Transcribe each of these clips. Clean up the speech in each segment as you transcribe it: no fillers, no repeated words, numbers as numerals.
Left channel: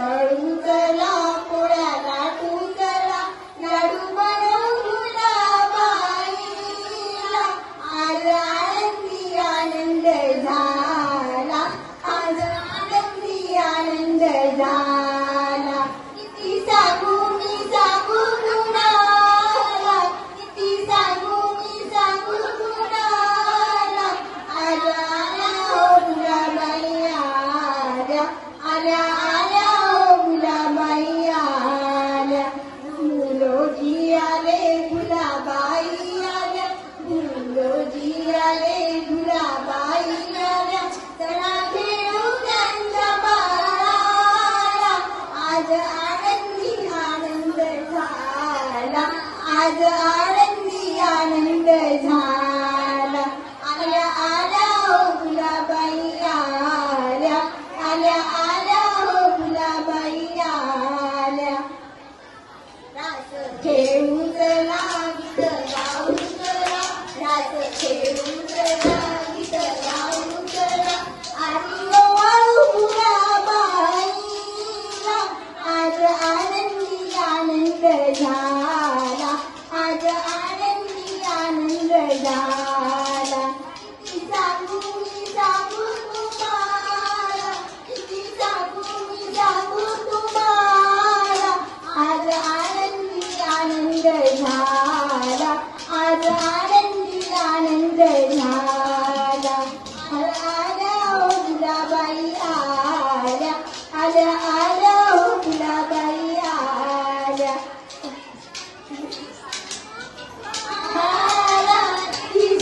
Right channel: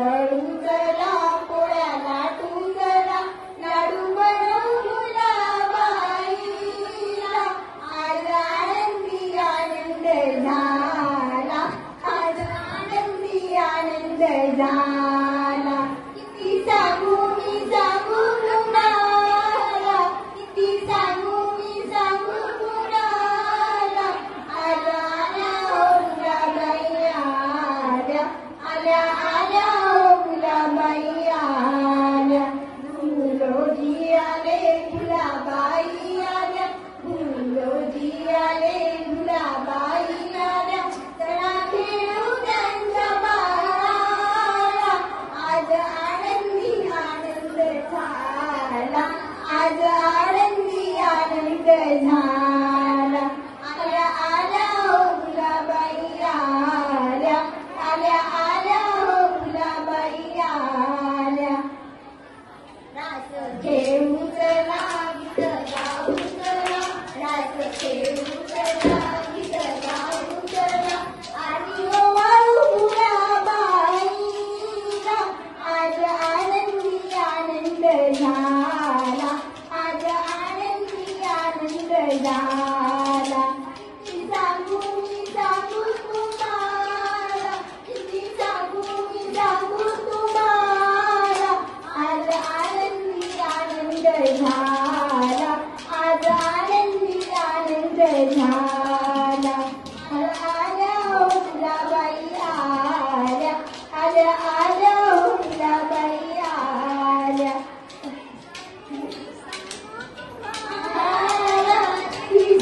दळू चला पोळ्या लाटू चला लाडू बनवूला बाईला आज आनंदी आनंद झाला आज आनंदी आनंद झाला किती सांगू मी सांगू तुम्हाला किती सांगू मी सांगू तुम्हाला आज आल्या मुलाबाई आल्या आल्या आल्या मुलाबाई आल्या मुलोजी आले मुलाबाई आल्या मुलोजी आले मुलाबाई आल्या चला खेळू त्यांच्या बाळाला आज आनंदी आनंद झाला आज आनंदी आनंद झाला आल्या आल्या मुलाबाई आल्या आल्या आल्या मुलाबाई आल्या रास खेळू चला गीत गाऊ चला रास खेळू चला गीत गाऊ चला आणि ओवाळू मुलाबाईला आज आनंदी आनंद झाला आज आनंदी आनंद झाला किती सांगू मी सांगू तुम्हाला किती सांगू मी सांगू तुम्हाला आज आनंदी आनंद झाला आज आनंदी आनंद झाला आल्या मुलाबाई आल्या आल्या आल्या मुलाबाई आल्या मी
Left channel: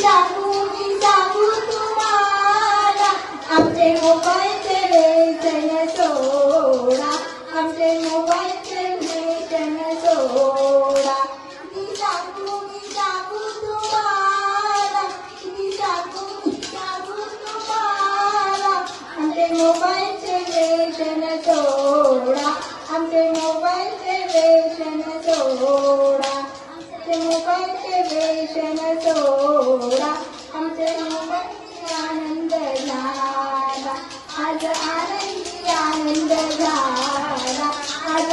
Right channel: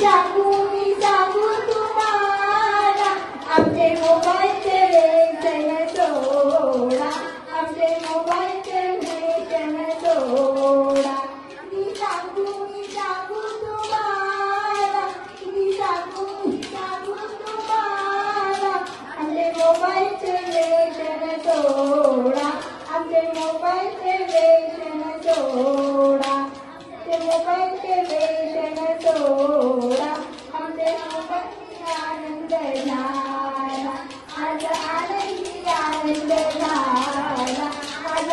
सांगू तुम्हाला आमचे मोबाईलचे व्यसन सोडा आमचे मोबाईलचे व्यसन सोडा मी सांगू तुम्हाला मी सांगू तुम्हाला आमचे मोबाईलचे व्यसन सोडा आमचे मोबाईलचे व्यसन सोडा आमचे मोबाईलचे व्यसन सोडा आमचे मोबाईलचे आनंद झाला आज आनंदी आनंद झाला आज